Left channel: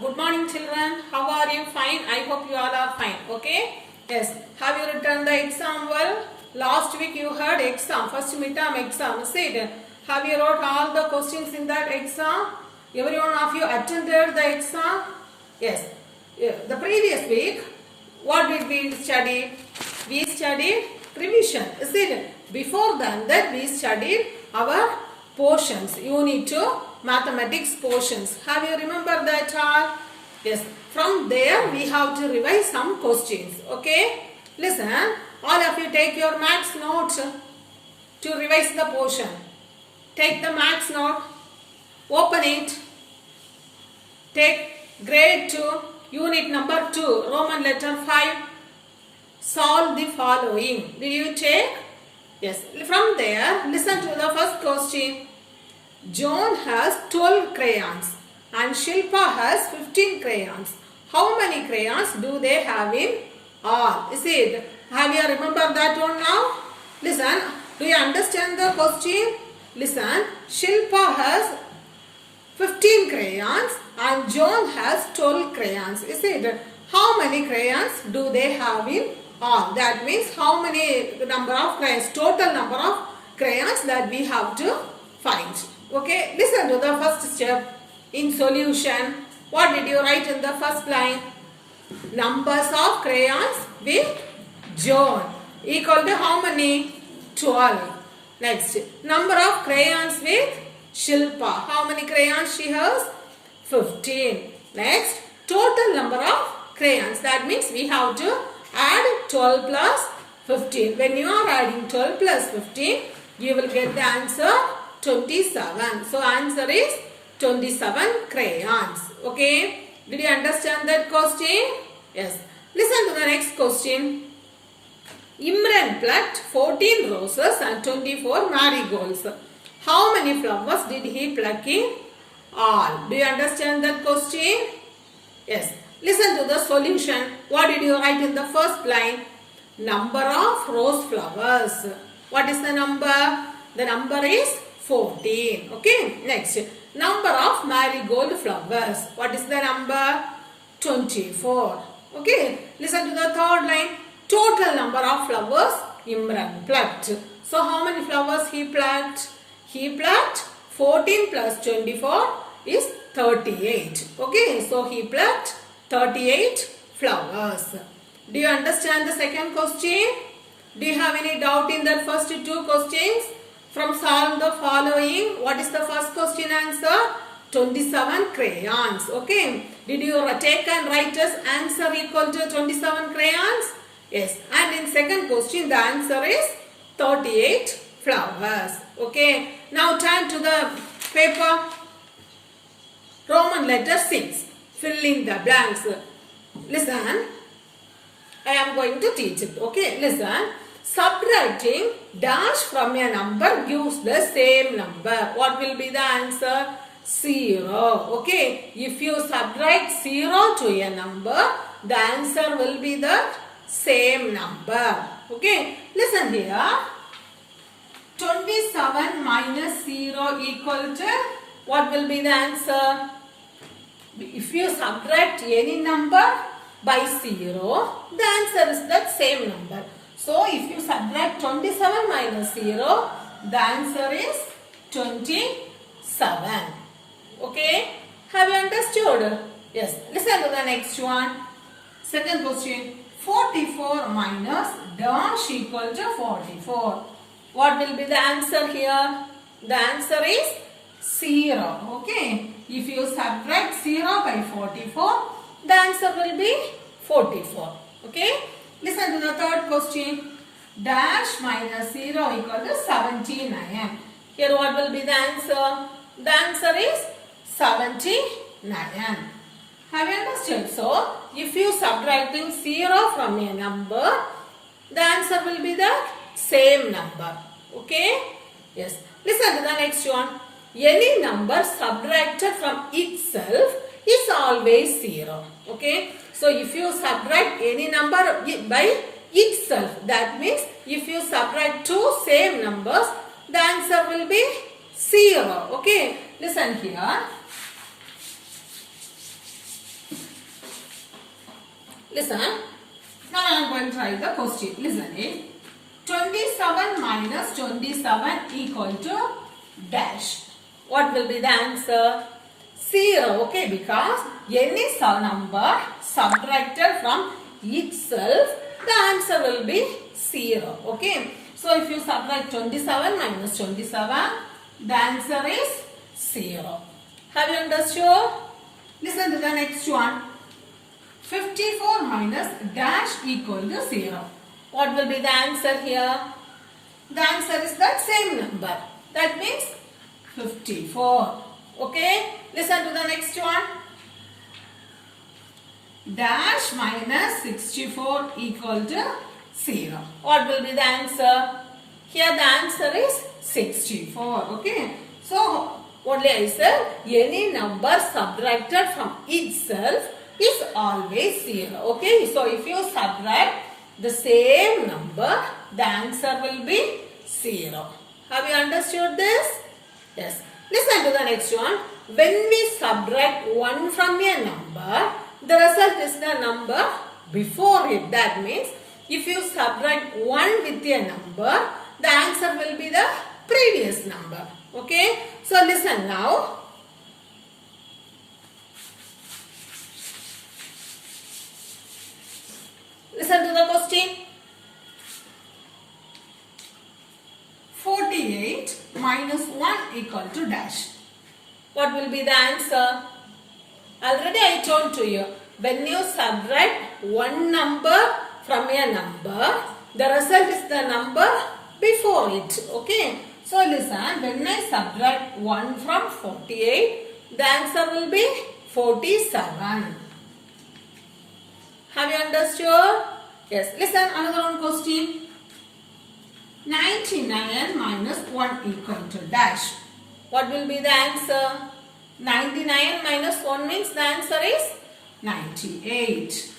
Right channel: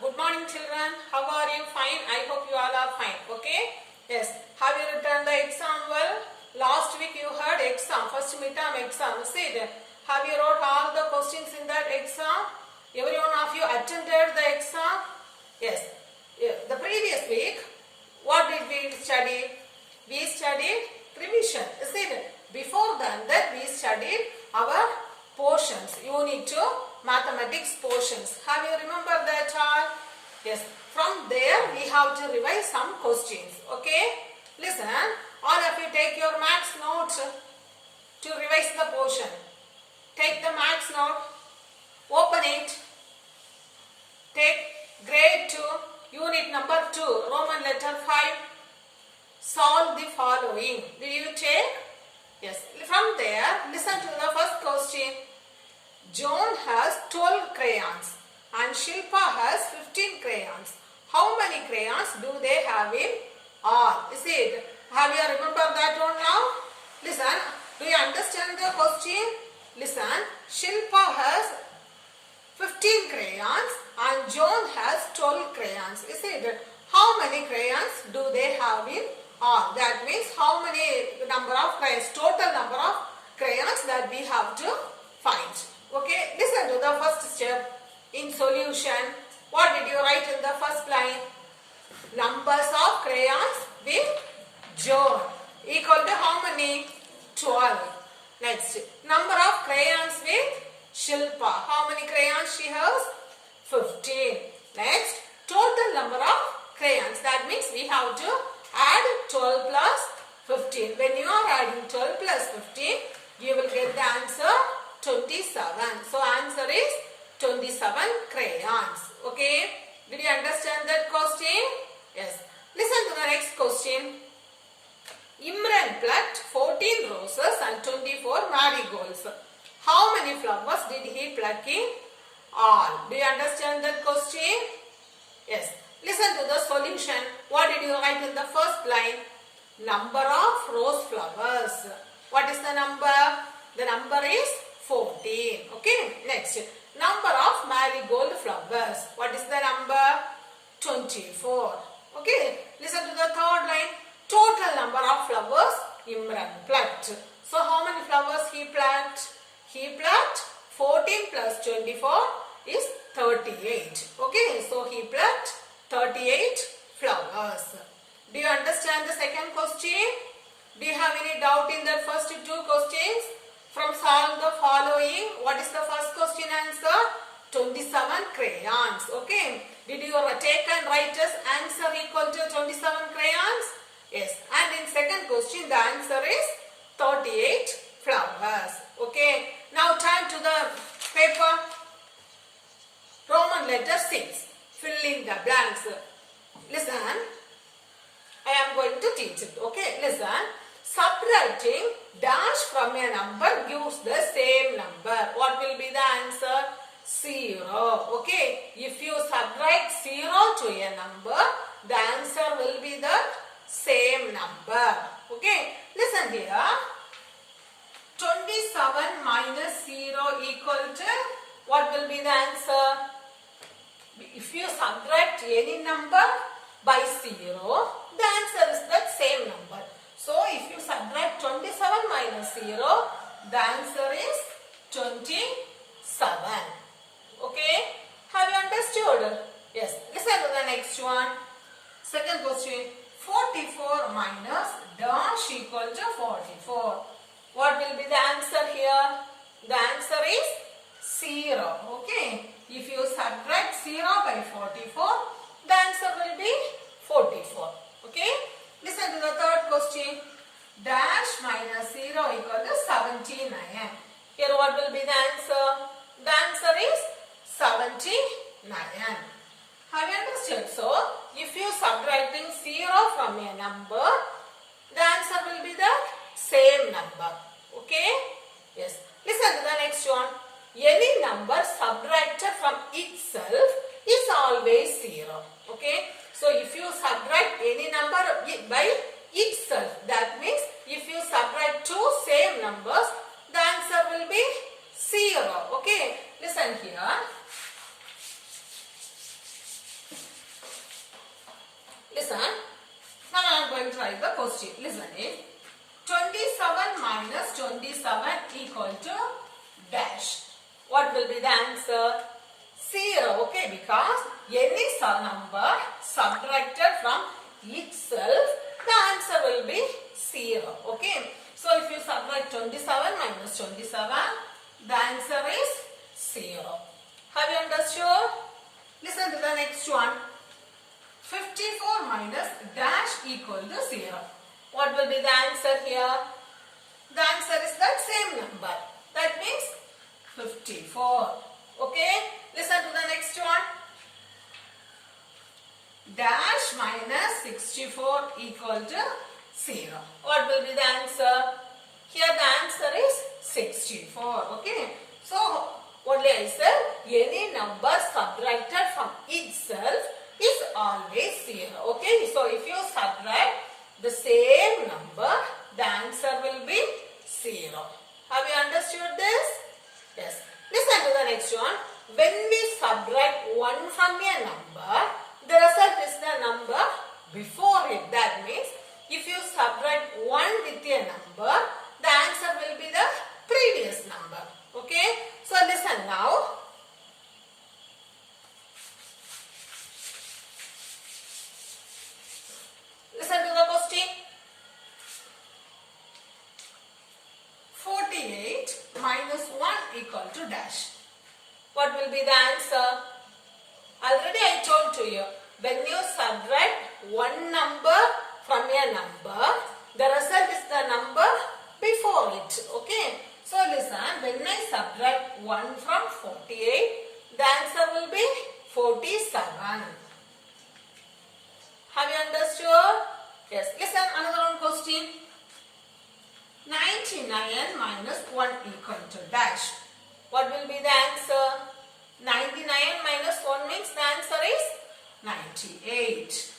Good morning, children. How are you? Fine. I hope you all are fine. Okay? Yes. Have you written the exam well? Last week you had exam, first midterm exam. Say it. Have you wrote all the questions in that exam? Every one of you attended the exam? Yes. The previous week, what did we study? We studied revision. See it. Before that we studied our portions, unit 2 mathematics portions. Have you remembered that all? Yes. From there we have to revise some questions. Okay? Listen, all of you take your maths notes to revise the portion. Take the maths note, open it, take grade 2, unit number 2, Roman letter 5. Solve the following. Did you take? Yes. From there, listen to the first question. John has 12 crayons and Shilpa has 15 crayons. How many crayons do they have in all? Is it? Have you remembered that one now? Listen. Do you understand the question? Listen. Shilpa has 15 crayons and John has 12 crayons. Is it? How many crayons do they have in all? That means how many number of crayons, total number of crayons that we have to find. Okay, listen to the first step in solution. What did you write in the first line? Numbers of crayons with John equal to how many? 12. Next, number of crayons with Shilpa. How many crayons she has? 15. Next, total number of crayons. That means we have to add 12 plus 15. When you are adding 12 plus 15, you will get the answer 27. So answer is 27 crayons. Okay. Did you understand that question? Yes. Listen to the next question. Imran plucked 14 roses and 24 marigolds. How many flowers did he pluck in all? Do you understand that question? Yes. Listen to the solution. What did you write in the first line? Number of rose flowers. What is the number? The number is 14. Okay. Next. Number of marigold flowers. What is the number? 24. Okay. Listen to the third line. Total number of flowers Imran plucked. So how many flowers he plucked? He plucked 14 plus 24 is 38. Okay. So he plucked 38 flowers. Do you understand the second question? Do you have any doubt in that first two questions? From solve the following, what is the first question answer? 27 crayons. Okay. Did you take and write as answer equal to 27 crayons? Yes. And in second question, the answer is 38 flowers. Okay. Now turn to the paper. Roman letter 6. Fill in the blanks. Listen. I am going to teach it. Okay. Listen. Subtracting dash from a number gives the same number. What will be the answer? 0. Okay. If you subtract 0 to a number, the answer will be the same number. Okay. Listen here. 27 minus 0 equal to, what will be the answer? If you subtract any number by 0, the answer is that same number. So, if you subtract 27 minus 0, the answer is 27. Okay? Have you understood? Yes. Listen to the next one. Second question. 44 minus dash equal to 44. What will be the answer here? The answer is 0. Okay? If you subtract 0 by 44, the answer will be 44. Okay? Listen to the third question. Dash minus 0 equal to 79. Here what will be the answer? The answer is 79. Have you understood? So, if you subtracting 0 from a number, the answer will be the same number. Okay? Yes. Listen to the next one. Any number subtracted from itself is always 0. Okay? So, if you subtract any number by itself, that means if you subtract two same numbers, the answer will be 0. Okay? Listen here. Listen. Now I am going to write the question. Listen. 27 minus 27 equal to dash. What will be the answer? 0. Okay, because any number subtracted from itself, the answer will be 0. Okay. So if you subtract 27 minus 27, the answer is 0. Have you understood? Listen to the next one. 54 minus dash equal to 0. What will be the answer here? The answer is that same number. That means 54. Okay. Listen to the next one. Dash minus 64 equal to 0. What will be the answer? Here the answer is 64. Okay. So, only I said any number subtracted from itself is always 0. Okay. So, if you subtract the same number, the answer will be 0. Have you understood this? Yes. Listen to the next one. When we subtract 1 from a number, the result is the number before it. That means, if you subtract 1 with a number, the answer will be the previous number. Okay. So, listen now. Listen to the question. 48 minus 1 equal to dash. What will be the answer? Already I told to you, when you subtract one number from a number, the result is the number before it. Okay. So listen, when I subtract 1 from 48, the answer will be 47. Have you understood? Yes. Listen, another one question. 99 minus 1 equal to dash. What will be the answer? 99 minus 1 means the answer is 98.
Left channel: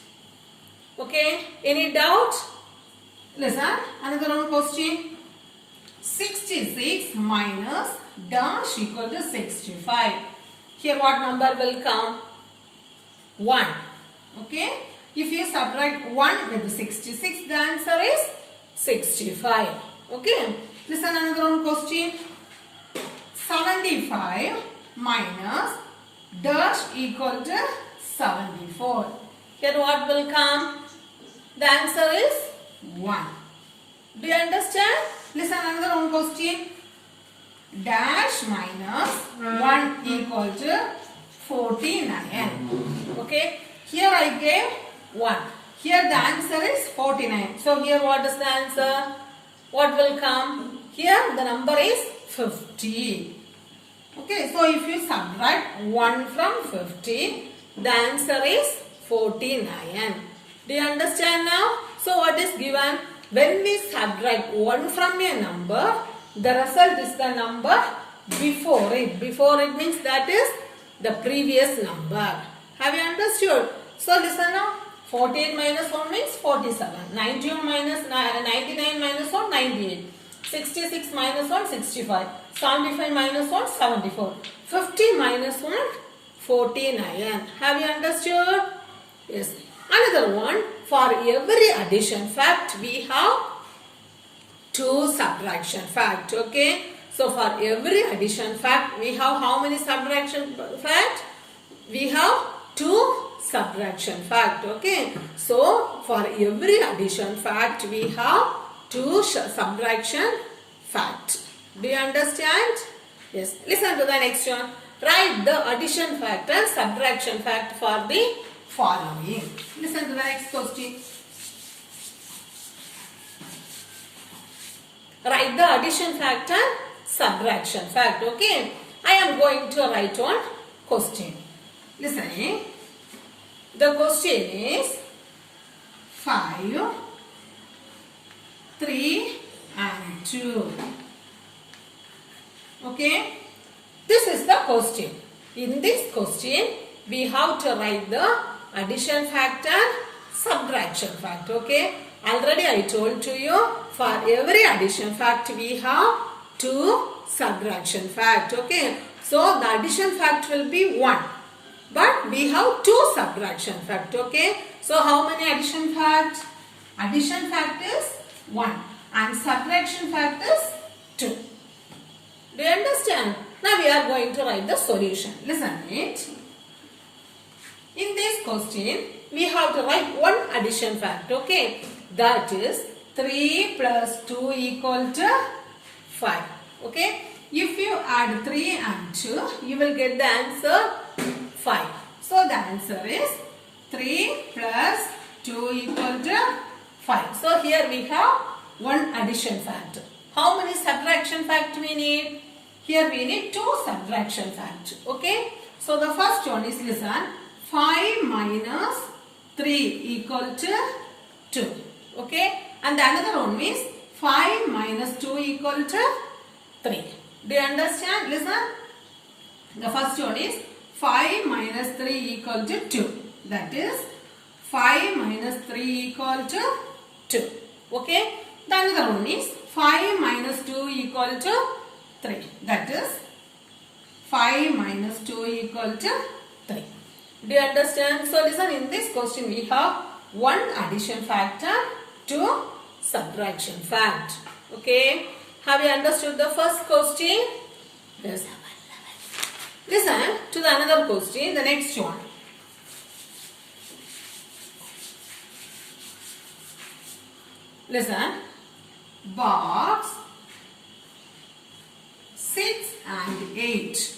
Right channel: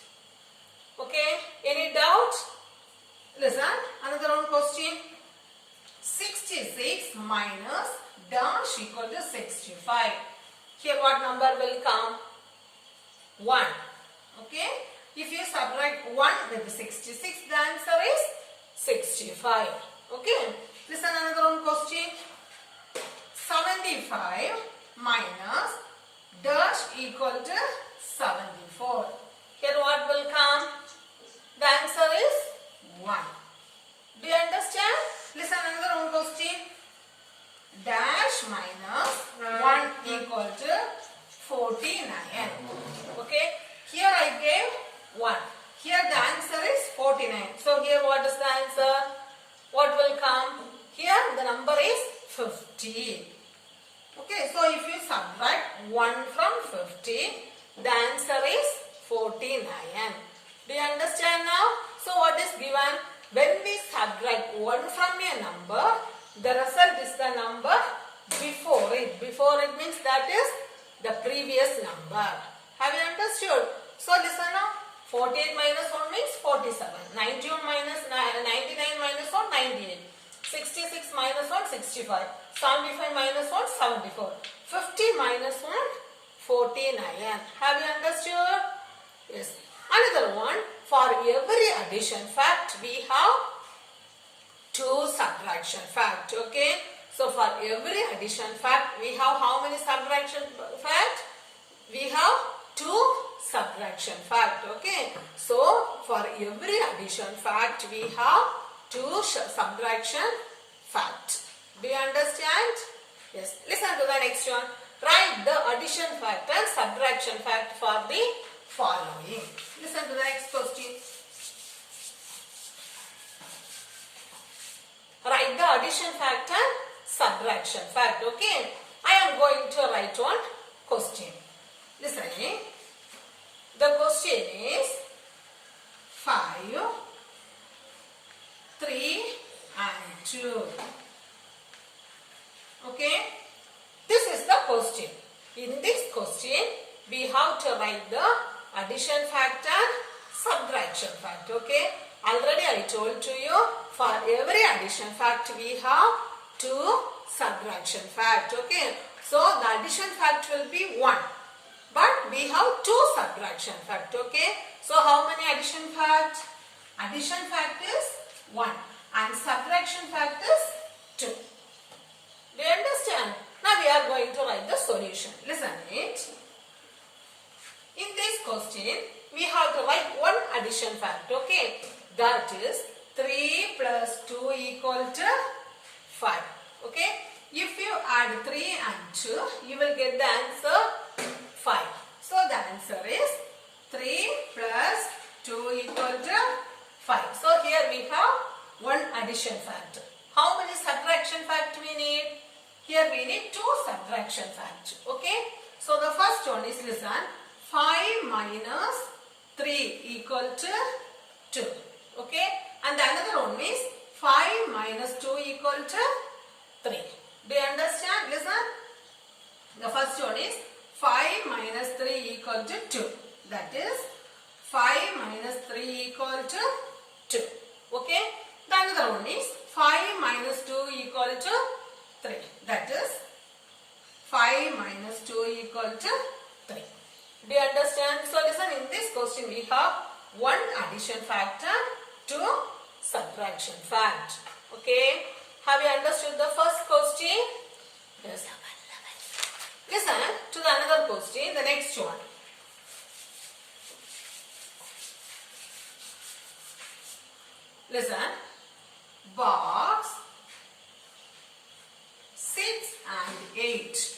Okay. Any doubt? Listen, another one question. 66 minus dash equal to 65. Here what number will come? 1. Okay. If you subtract 1 with 66, the answer is 65. Okay. Listen, another one question. 75 minus dash equal to 74. Here what will come? The answer is 1. Do you understand? Listen, another one question. Dash minus 1 equal to 49. Okay. Here I gave 1. Here the answer is 49. So here what is the answer? What will come? Here the number is 50. Okay. So if you subtract 1 from 50, the answer is 49. Do you understand now? So what is given? When we subtract 1 from a number, the result is the number before it. Before it means that is the previous number. Have you understood? So listen now. 48 minus 1 means 47. 91 minus 99 minus 1, 98. 66 minus 1, 65. 75 minus 1, 74. 50 minus 1, 49. Have you understood? Yes. Another one. For every addition fact, we have 2 subtraction fact. Okay. So for every addition fact, we have how many subtraction fact? We have 2 subtraction fact. Okay. So for every addition fact, we have 2 subtraction fact. Do you understand? Yes. Listen to the next one. Write the addition fact and subtraction fact for the following. Listen to the next question. Write the addition fact and subtraction fact. Okay. I am going to write one question. Listen. The question is 5, 3 and 2. Okay. This is the question. In this question, we have to write the addition fact and subtraction fact. Okay. Already I told to you, for every addition fact we have 2 subtraction fact. Okay. So the addition fact will be 1. but we have two subtraction fact. Okay, so how many addition facts? Addition fact is 1 and subtraction fact is 2. Do you understand? Now we are going to write the solution. Listen it. In this question, we have to write one addition fact. Okay, that is 3 plus 2 equal to 5. Okay, if you add 3 and 2, you will get the answer 5. So the answer is 3 plus 2 equal to 5. So here we have one addition fact. How many subtraction fact we need? Here we need two subtraction facts. Okay. So the first one is, listen, 5 minus 3 equal to 2. Okay. And the another one is 5 minus 2 equal to 3. Do you understand? Listen. The first one is 5 minus 3 equal to 2. That is 5 minus 3 equal to 2. Okay. The another one is 5 minus 2 equal to 3. That is 5 minus 2 equal to 3. Do you understand? So listen, in this question we have one addition factor, two subtraction fact. Okay. Have you understood the first question? Yes. Listen to the another question, the next one. Listen. Box 6 and 8.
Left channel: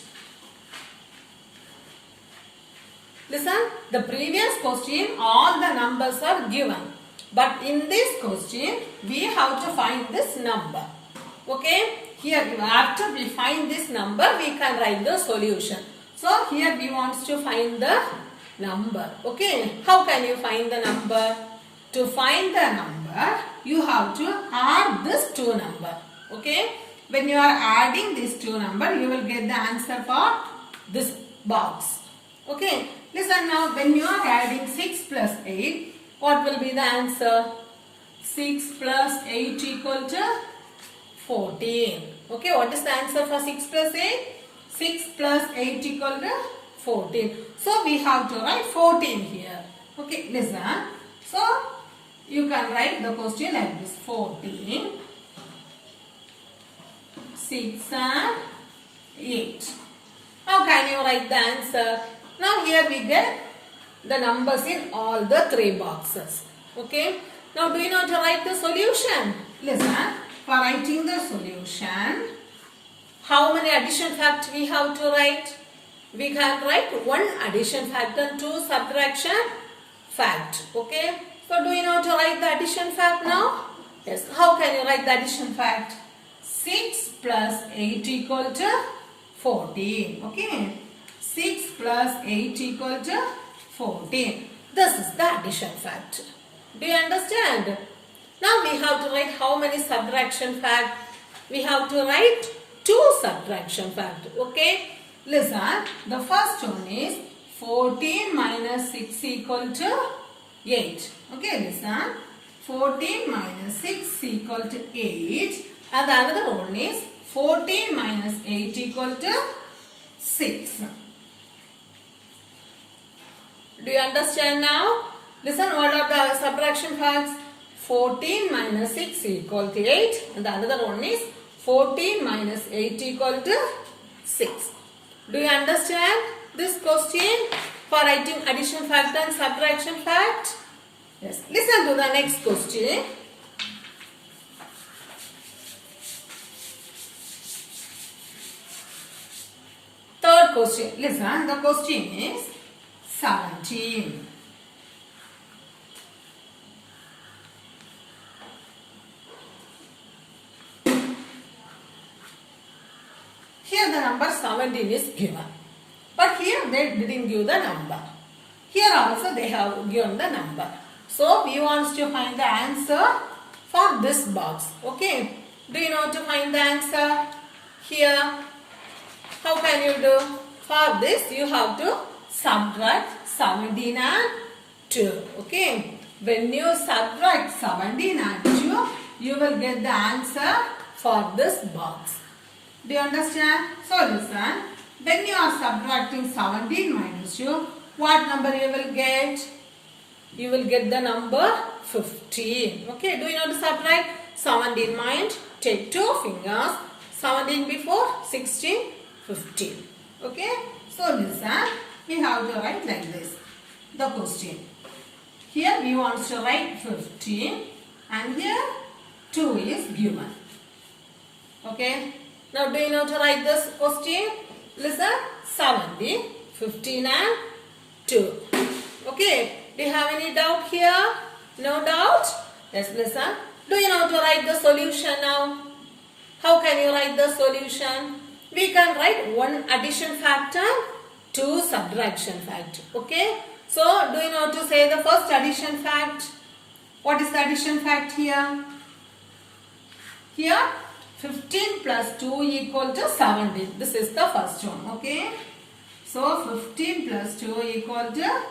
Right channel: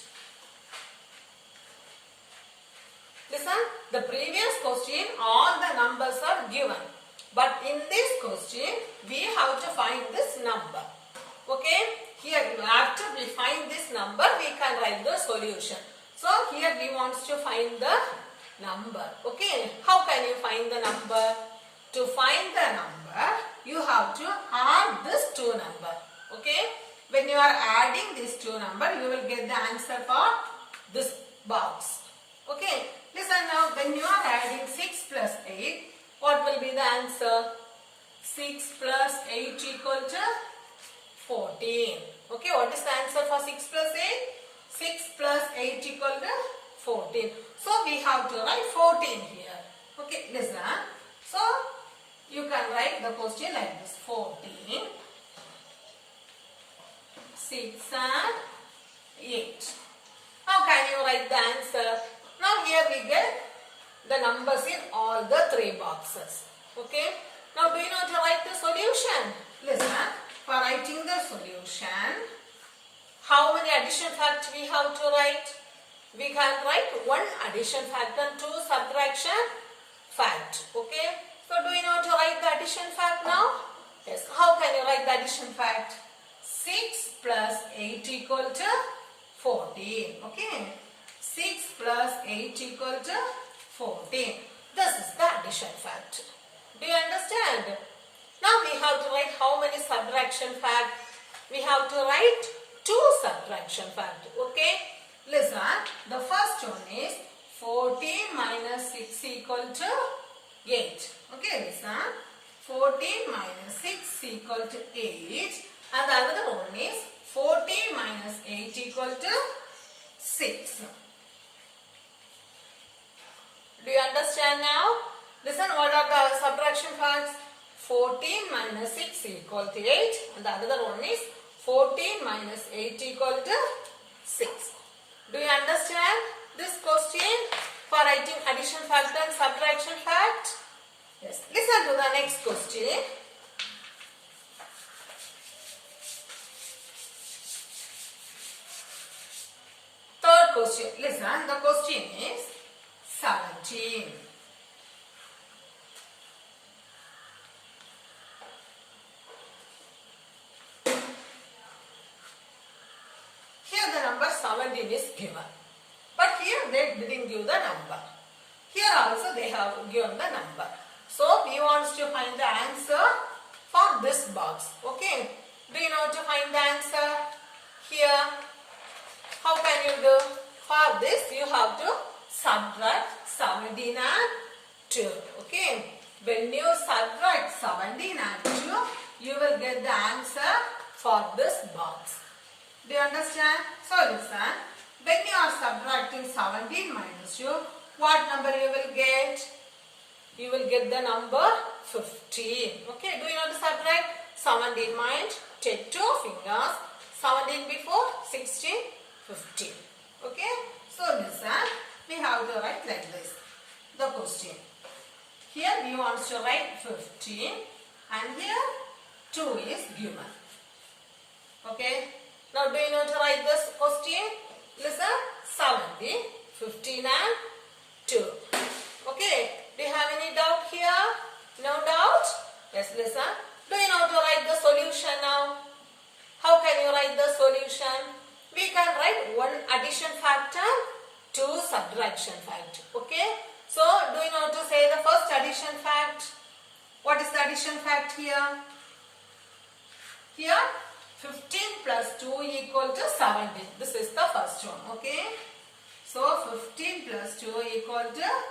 Listen, the previous question all the numbers are given. But in this question, we have to find this number. Okay, here after we find this number, we can write the solution. So here we want to find the number. Okay, how can you find the number? To find the number, you have to add this two number. Okay, when you are adding these two number, you will get the answer for this box. Okay, listen now, when you are adding 6 plus 8, what will be the answer? 6 plus 8 equal to 14. Okay, what is the answer for 6 plus 8? 6 plus 8 equal to 14. So we have to write 14 here. Okay, listen. So you can write the question like this: 14, 6 and 8. How can you write the answer? Now here we get the numbers in all the three boxes. Okay. Now do you know to write the solution? Listen. For writing the solution, how many addition facts we have to write? We can write one addition fact and two subtraction fact. Okay. So do you know to write the addition fact now? Yes. How can you write the addition fact? 6 plus 8 equal to 14. Okay. 6 plus 8 equal to 14. This is the addition fact. Do you understand? Now we have to write how many subtraction fact? We have to write two subtraction fact. Okay. Listen. The first one is 14 minus 6 equal to 8. Okay, listen. 14 minus 6 equal to 8. And the another one is 14 minus 8 equal to 6. Do you understand now? Listen, what are the subtraction facts? 14 minus 6 equal to 8. And the other one is 14 minus 8 equal to 6. Do you understand this question for writing addition fact and subtraction fact? Yes. Listen to the next question. Third question. Listen, the question is 17. Here the number 17 is given. But here they didn't give the number. Here also they have given the number. So we want to find the answer for this box. Okay. Do you know to find the answer? Here, how can you do? For this you have to subtract 17 and 2. Okay. When you subtract 17 and 2, you will get the answer for this box. Do you understand? So listen. when you are subtracting 17 minus 2, what number you will get? You will get the number 15. Okay, do you know to subtract? 17 mind, take 2 fingers, 17 before, 16, 15. Okay, so listen, we have to write like this, the question. Here we want to write 15 and here 2 is given. Okay, now do you know to write this question? Listen, 17, 15 and 2. Okay, do you have any doubt here? No doubt? Yes, listen. Do you know to write the solution now? How can you write the solution? We can write one addition factor, 2 subtraction fact. Okay, so do you know to say the first addition fact? What is the addition fact here? Here 15 plus 2 equal to 17. This is the first one. Okay, so 15 plus 2 equal to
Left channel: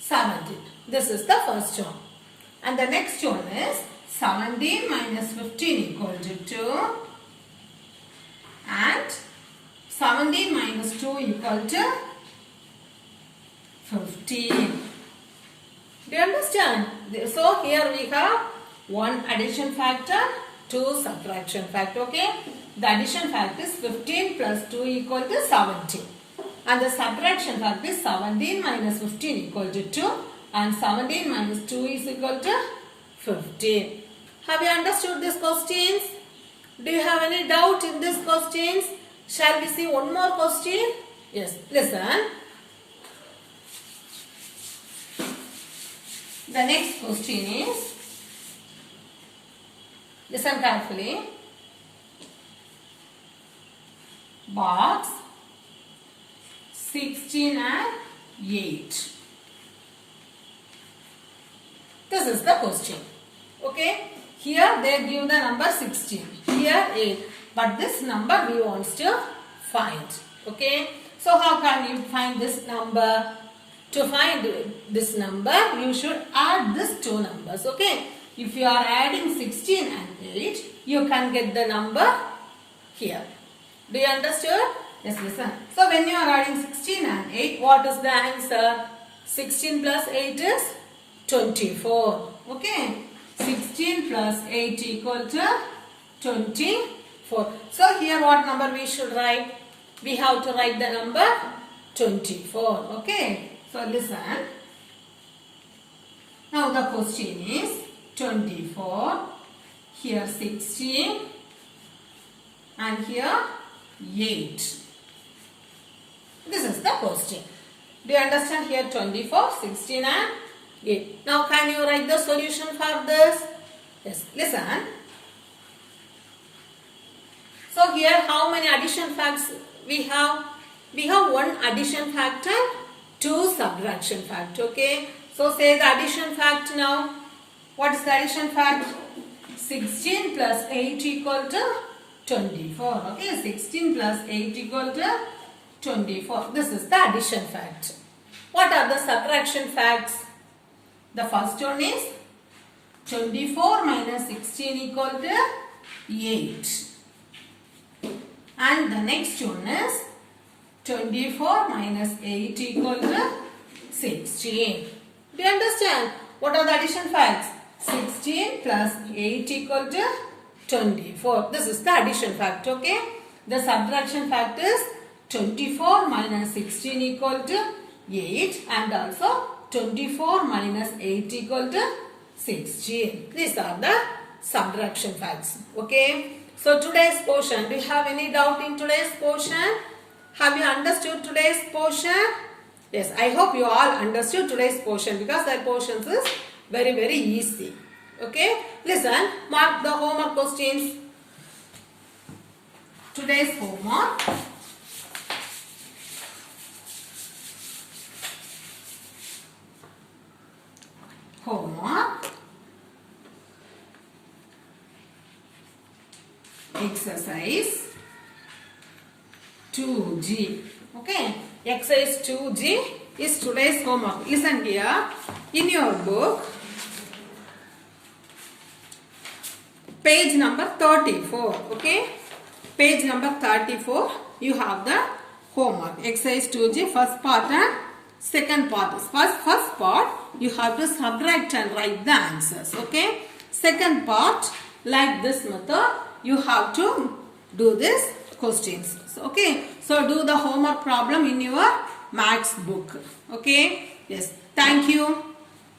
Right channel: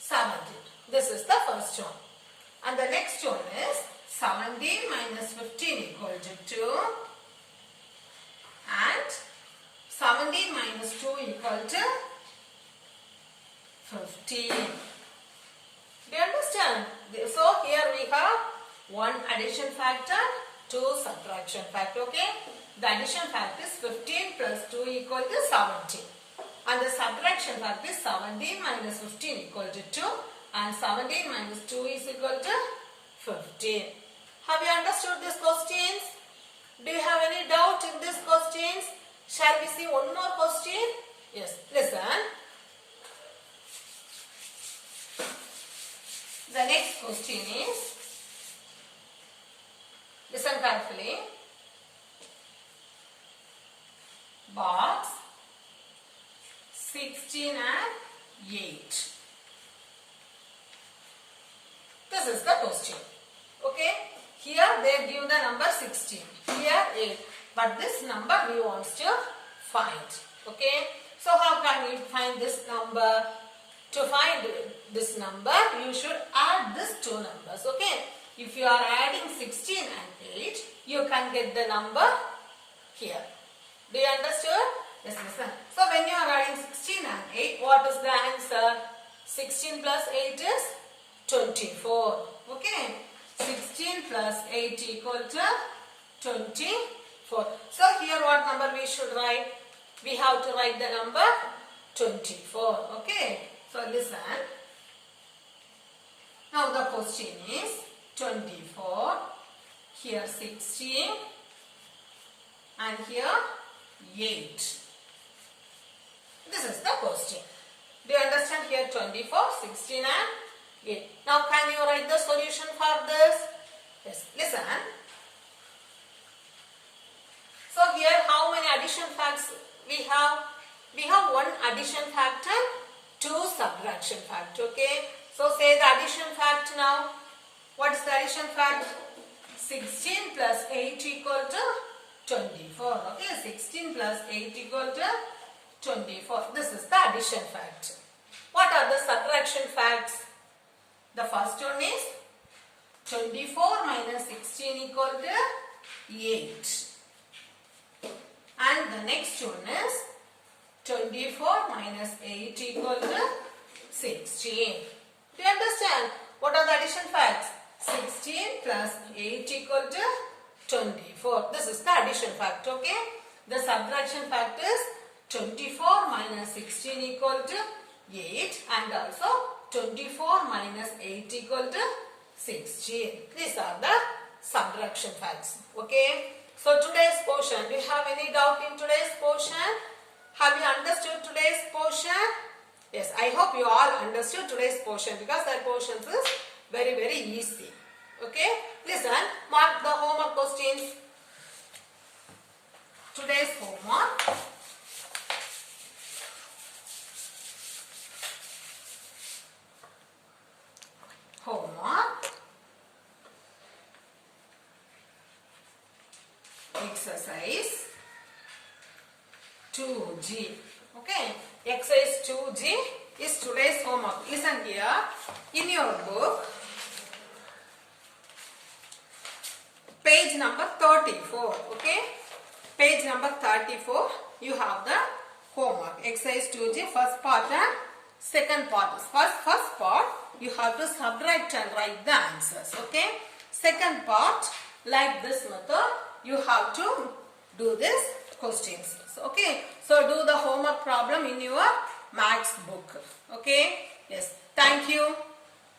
17. This is the first one. And the next one is 17 minus 15 equal to 2. And 17 minus 2 equal to 15. Do you understand? So here we have one addition factor, 2 subtraction factor. Okay. The addition fact is 15 plus 2 equal to 17. And the subtraction fact is 17 minus 15 equal to 2. And 17 minus 2 is equal to 15. Have you understood these questions? Do you have any doubt in these questions? Shall we see one more question? Yes, listen. The next question is, listen carefully. Box 16 and 8. This is the question. Okay. Here they give the number 16. Here 8. But this number we want to find. Okay. So how can you find this number? To find this number, you should add these two numbers. Okay. If you are adding 16 and 8, you can get the number here. Do you understand? Yes, listen. So when you are adding 16 and 8, what is the answer? 16 plus 8 is 24. Okay. 16 plus 8 equal to 24. So here what number we should write? We have to write the number 24. Okay. So listen. Now the question is 24. Here 16. And here 8. This is the question. Do you understand? Here 24, 16 and 8. Now can you write the solution for this? Yes, listen. So here how many addition facts we have? We have one addition factor, 2 subtraction fact. Okay. So say the addition fact now. What is the addition fact? 16 plus 8 equal to 24. Okay. 16 plus 8 equal to 24. This is the addition fact. What are the subtraction facts? The first one is 24 minus 16 equal to 8. And the next one is 24 minus 8 equal to 16. Do you understand? What are the addition facts? 16 plus 8 equal to 24. This is the addition fact. Okay. The subtraction fact is 24 minus 16 equal to 8 and also 24 minus 8 equal to 16. These are the subtraction facts. Okay. So today's portion, do you have any doubt in today's portion? Have you understood today's portion? Yes, I hope you all understood today's portion because that portion is very, very easy. Okay. Listen, mark the homework questions. Today's homework. Homework. Exercise 2G. Okay. Exercise 2G is today's homework. Listen here. In your book, page number 34. Okay. Page number 34. You have the homework. Exercise 2G, first part and second part. First part, you have to subtract and write the answers. Okay. Second part, like this method, you have to do this questions. Okay. So do the homework problem in your maths book. Okay. Yes. Thank you.